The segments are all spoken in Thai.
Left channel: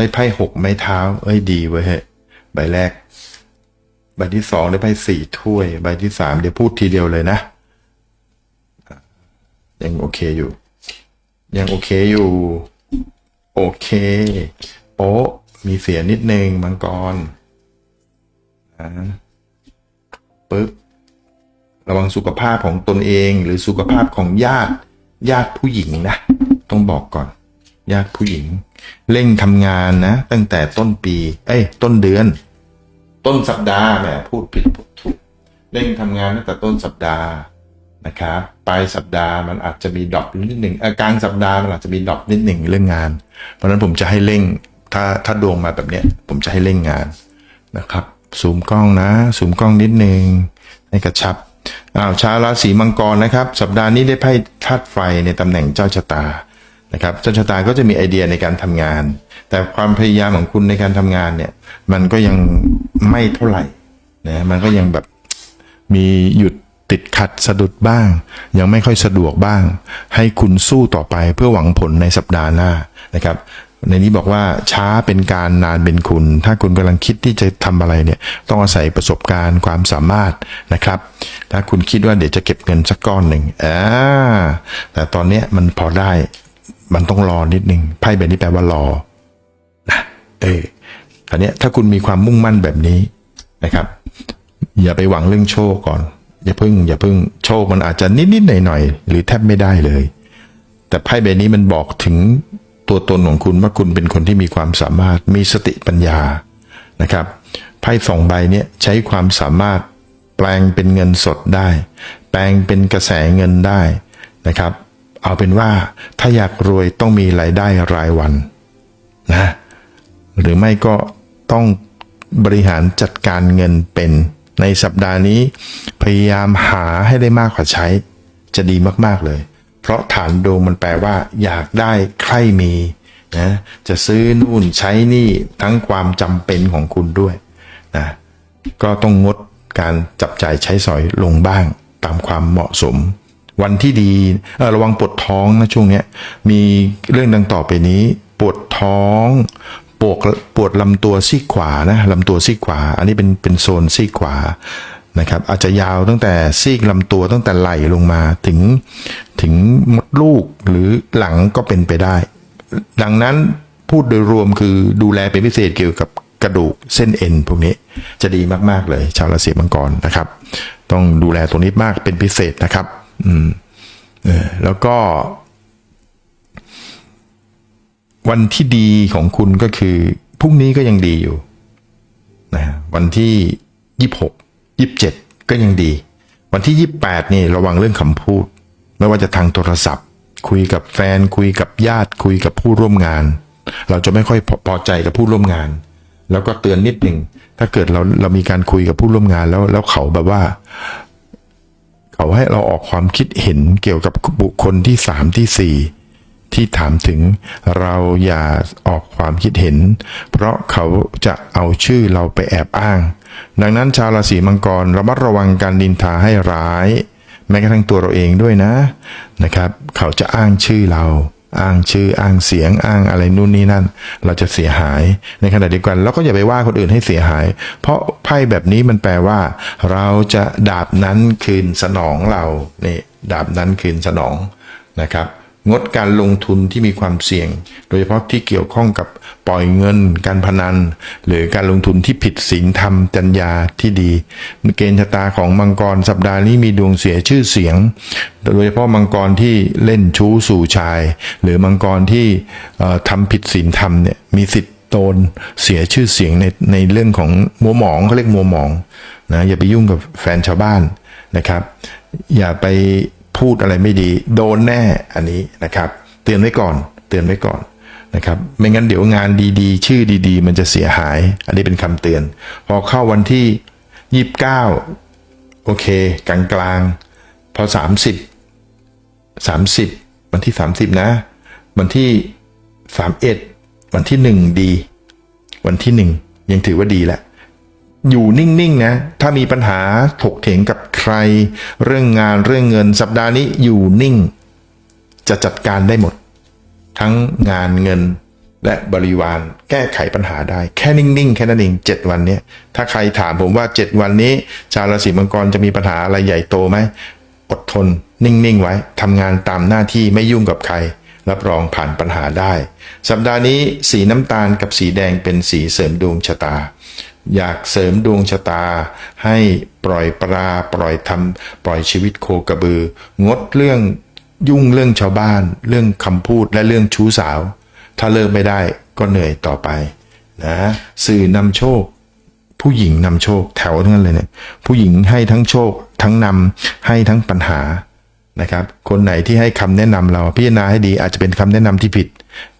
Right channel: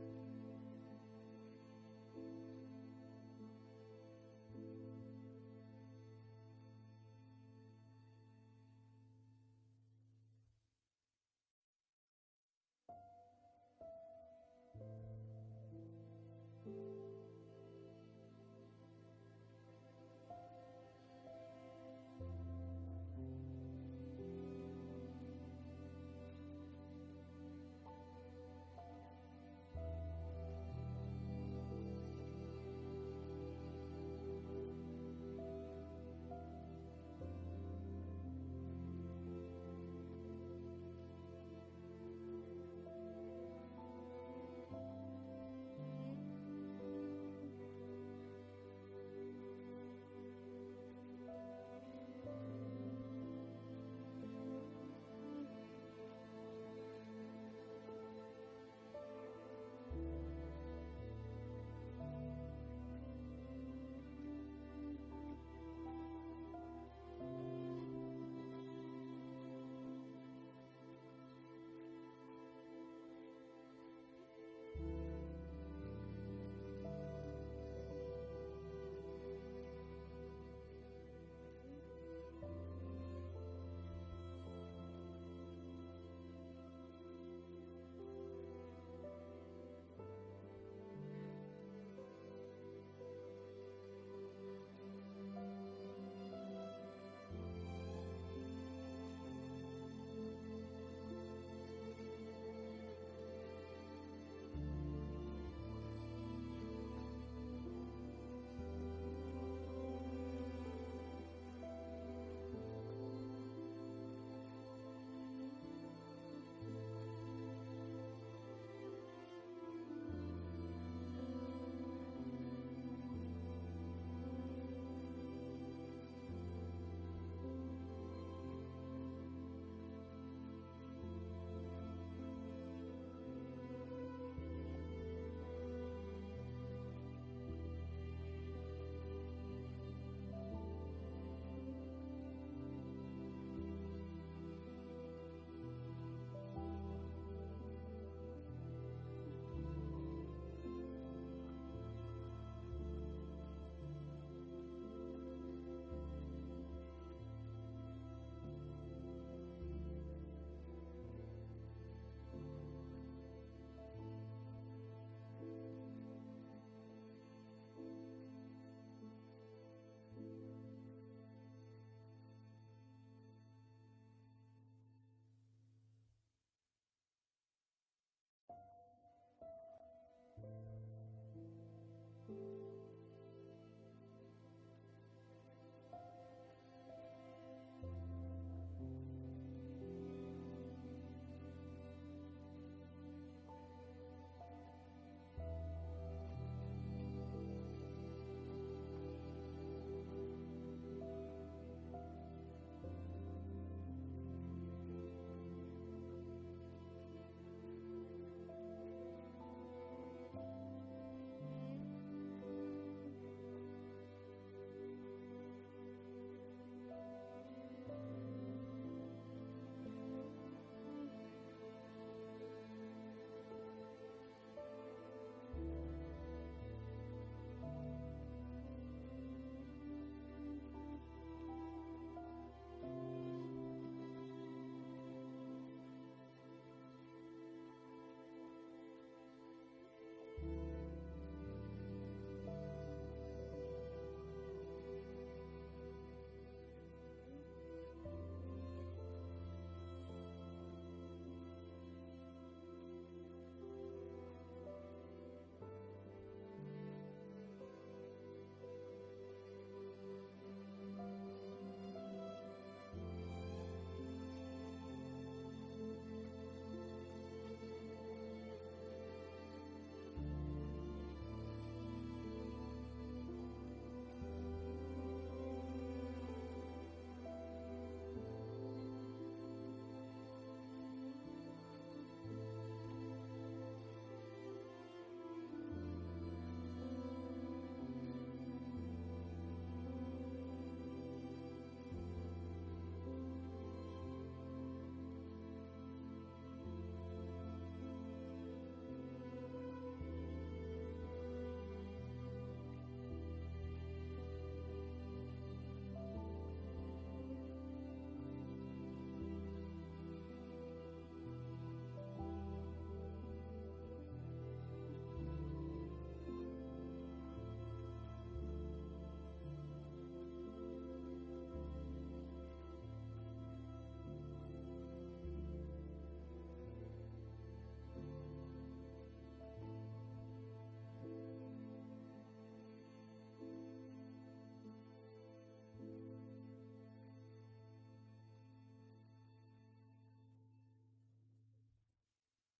ได้ไพ่หกไม้เท้า เอ้ยดีเว้ยเฮ้ยใบแรก ใบที่สองได้ไพ่สี่ถ้วย ใบที่สามเดี๋ยวพูดทีเดียวเลยนะ ยังโอเคอยู่ ยังโอเคอยู่ โอเค โป๊ะมีเสียนิดนึงมังกรอ่าปึ๊บระวังสุขภาพของตนเองหรือสุขภาพของญาติญาติผู้หญิงนะ ต้องบอกก่อน ญาติผู้หญิง เร่งทำงานนะ ตั้งแต่ต้นปี เอ้ย ต้นเดือน ต้นสัปดาห์แหมพูดผิดพูดถูกเร่งทำงานตั้งแต่ต้นสัปดาห์นะครับปลายสัปดาห์มันอาจจะมีดรอปนิดหนึ่งอ่อกลางสัปดาห์มันอาจจะมีดรอปนิดหนึ่งเรื่องงาน เพราะฉะนั้นผมจะให้เร่งถ้าถ้าดวงมาแบบเนี้ย ผมจะให้เร่งงานนะครับซูมกล้องนะซูมกล้องนิดหนึ่งให้กระชับอ้าวชาวราศีมังกรนะครับ สัปดาห์นี้ได้ไพ่ธาตุไฟในตำแหน่งเจ้าชะตา นะครับจ้าชะตาก็จะมีไอเดียในการทำงาน แต่ความพยายามของคุณในการทำงานเนี่ย มันก็ยังไม่เท่าไหร่นะมันก็ยังแบบมีหยุดติดขัดสะดุดบ้าง ยังไม่ค่อยสะดวกบ้าง ให้คุณสู้ต่อไปเพื่อหวังผลในสัปดาห์หน้านะครับ ในนี้บอกว่าช้าเป็นการนานเป็นคุณ ถ้าคุณกำลังคิดที่จะทำอะไรเนี่ยต้องอาศัยประสบการณ์ความสามารถนะครับ ถ้าคุณคิดว่าเดี๋ยวจะเก็บเงินสักก้อนหนึ่งอ่าแต่ตอนเนี้ยมันพอได้ มันต้องรอนิดนึงไพ่แบบนี้แปลว่ารอนะเอออันนี้ถ้าคุณมีความมุ่งมั่นแบบนี้นะครับ อย่าไปหวังเรื่องโชคก่อน อย่าพิ่ง อย่าพิ่งโชคมันอาจจะนิดๆหน่อยๆหรือแทบไม่ได้เลย แต่ไพ่ใบนี้มันบอกถึงตัวตนของคุณว่าคุณเป็นคนที่มีความสามารถมีสติปัญญานะครับไพ่สองใบเนี้ยใช้ความสามารถแปลงเป็นเงินสดได้ แปลงเป็นกระแสเงินได้นะครับ เอาเป็นว่าถ้าอยากรวยต้องมีรายได้รายวันนะหรือไม่ก็ต้องบริหารจัดการเงินเป็นในสัปดาห์นี้พยายามหาให้ได้มากกว่าใช้ จะดีมากๆเลย เพราะฐานดวงมันแปลว่า อยากได้ใครมีนะจะซื้อนู่นใช้นี่ทั้งความจำเป็นของคุณด้วยนะก็ต้องงดการจับจ่ายใช้สอยลงบ้างตามความเหมาะสม วันที่ดีระวังปวดท้องนะช่วงนี้มีเรื่องดังต่อไปนี้ ปวดท้องปวดปวดลำตัวซีกขวานะลำตัวซีกขวา อันนี้เป็นเป็นโซนซีกขวานะครับอาจจะยาวตั้งแต่ซีกลำตัวตั้งแต่ไหล่ลงมาถึงถึงมดลูกหรือหลังก็เป็นไปได้ ดังนั้นพูดโดยรวมคือดูแลเป็นพิเศษเกี่ยวกับกระดูกเส้นเอ็นพวกนี้จะดีมาก ๆ เลย ชาวราศีมังกรนะครับ ต้องดูแลตรงนี้มากเป็นพิเศษนะครับ อืมเออแล้วก็ วันที่ดีของคุณก็คือพรุ่งนี้ก็ยังดีอยู่นะวันที่ยี่หกยี่เจ็ดก็ยังดี วันที่ยี่แปดนี่ระวังเรื่องคำพูด ไม่ว่าจะทางโทรศัพท์ คุยกับแฟน คุยกับญาติ คุยกับผู้ร่วมงาน เราจะไม่ค่อยพอพอใจกับผู้ร่วมงาน แล้วก็เตือนนิดหนึ่งถ้าเกิดเราเรามีการคุยกับผู้ร่วมงานแล้วแล้วเขาแบบว่า เขาให้เราออกความคิดเห็นเกี่ยวกับบุคคลที่สามที่สี่ที่ถามถึงเราอย่าออกความคิดเห็น เพราะเขาจะเอาชื่อเราไปแอบอ้าง ดังนั้นชาวราศีมังกรระมัดระวังการดินทาให้ร้าย แม้กระทั่งตัวเราเองด้วยนะนะครับ เขาจะอ้างชื่อเรา อ้างชื่ออ้างเสียงอ้างอะไรนู่นนี่นั่น เราจะเสียหายในขณะเดียวกันเราก็อย่าไปว่าคนอื่นให้เสียหาย เพราะไพ่แบบนี้มันแปลว่า เราจะดาบนั้นคืนสนองเรานี่ดาบนั้นคืนสนองนะครับ งดการลงทุนที่มีความเสี่ยง โดยเฉพาะที่เกี่ยวข้องกับปล่อยเงิน การพนัน หรือการลงทุนที่ผิดศีลธรรมจัญญาที่ดี เกณฑ์ชะตาของมังกรสัปดาห์นี้มีดวงเสียชื่อเสียง โดยเฉพาะมังกรที่เล่นชู้สู่ชาย หรือมังกรที่ทำผิดศีลธรรมเนี่ยมีสิทธิ์โดนเสียชื่อเสียงในในเรื่องของมัวหมองเขาเรียกมัวหมองนะอย่าไปยุ่งกับแฟนชาวบ้านนะครับ อย่าไป พูดอะไรไม่ดี โดนแน่อันนี้นะครับ เตือนไว้ก่อน เตือนไว้ก่อนนะครับ ไม่งั้นเดี๋ยวงานดีๆ ชื่อดีๆ มันจะเสียหาย อันนี้เป็นคำเตือน พอเข้าวันที่ยี่สิบเก้าโอเค กลางๆพอสามสิบสามสิบวันที่สามสิบนะ วันที่สามเอ็ดวันที่หนึ่งดี วันที่หนึ่งยังถือว่าดีแหละ อยู่นิ่งๆนะ ถ้ามีปัญหาถกเถียงกับใคร เรื่องงานเรื่องเงินสัปดาห์นี้อยู่นิ่ง จะจัดการได้หมด ทั้งงานเงินและบริวารแก้ไขปัญหาได้ แค่นิ่งๆ แค่นั้นเอง7วันนี้ถ้าใครถามผมว่า7วันนี้ ชาวราศีมังกรจะมีปัญหาอะไรใหญ่โตไหมอดทน นิ่งๆ ไว้ทำงานตามหน้าที่ไม่ยุ่งกับใคร รับรองผ่านปัญหาได้ สัปดาห์นี้สีน้ำตาลกับสีแดงเป็นสีเสริมดวงชะตา อยากเสริมดวงชะตา ให้ปล่อยปลาปล่อยทำปล่อยชีวิตโคกระบือ งดเรื่องยุ่งเรื่องชาวบ้าน เรื่องคำพูดและเรื่องชู้สาว ถ้าเลิกไม่ได้ก็เหนื่อยต่อไปนะสื่อนำโชค ผู้หญิงนำโชคแถวทั้งนั้นเลยเนี่ยผู้หญิงให้ทั้งโชค ทั้งนำให้ทั้งปัญหานะครับ คนไหนที่ให้คำแนะนำเราพิจารณาให้ดีอาจจะเป็นคำแนะนำที่ผิด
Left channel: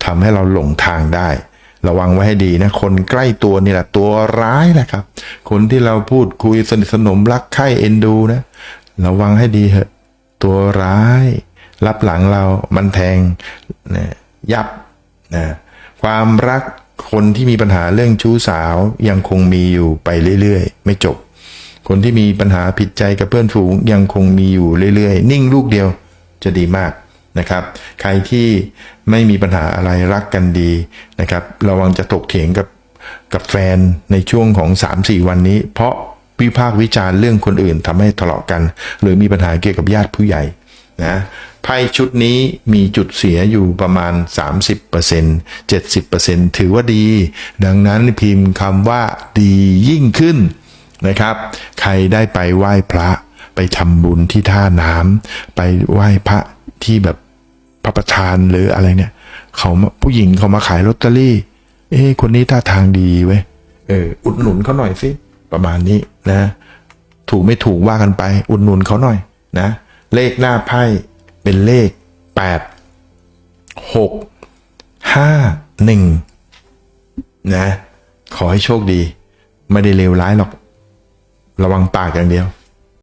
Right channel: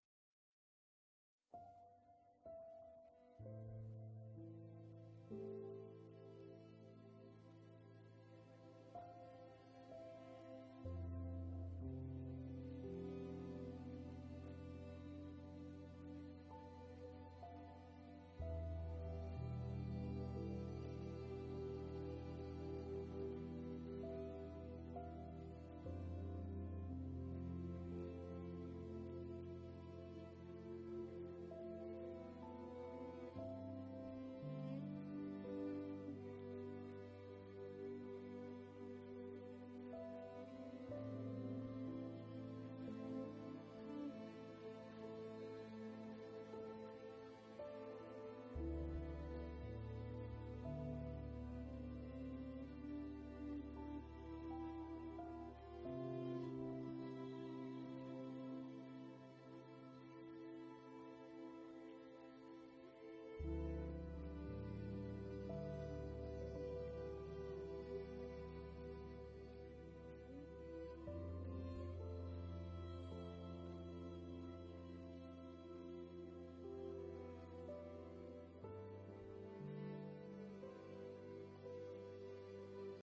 ทำให้เราหลงทางได้ ระวังไว้ให้ดีนะ คนใกล้ตัวนี่แหละตัวร้ายแหละครับ คนที่เราพูดคุยสนิทสนมรักใคร่เอ็นดูนะ ระวังให้ดีเถอะ ตัวร้าย รับหลังเรามันแทงนะยับนะความรักคนที่มีปัญหาเรื่องชู้สาวยังคงมีอยู่ไปเรื่อยๆ ไม่จบ คนที่มีปัญหาผิดใจกับเพื่อนฝูงยังคงมีอยู่เรื่อยๆ นิ่งลูกเดียวจะดีมาก นะครับ ใครที่ไม่มีปัญหาอะไรรักกันดีนะครับ ระวังจะตกเถียงกับกับแฟนในช่วงของ 3-4 วันนี้ เพราะวิพากษ์วิจารณ์เรื่องคนอื่นทำให้ทะเลาะกัน หรือมีปัญหาเกี่ยวกับญาติผู้ใหญ่นะไพ่ชุดนี้มีจุดเสียอยู่ประมาณ 30% 70%ถือว่าดี ดังนั้นพิมพ์คำว่าดียิ่งขึ้นนะครับ ใครได้ไปไหว้พระไปทำบุญที่ท่าน้ำไปไหว้พระที่แบบ พระประธานหรืออะไรเนี่ยเขาผู้หญิงเขามาขายลอตเตอรี่ เอ้คนนี้ท่าทางดีเว้ยเอออุดหนุนเขาหน่อยสิประมาณนี้นะ ถูกไม่ถูกว่ากันไป อุดหนุนเขาหน่อยนะ เลขหน้าไพ่เป็นเลขแปดหกห้าหนึ่งนะ ขอให้โชคดี ไม่ได้เลวร้ายหรอก ระวังปากอย่างเดียว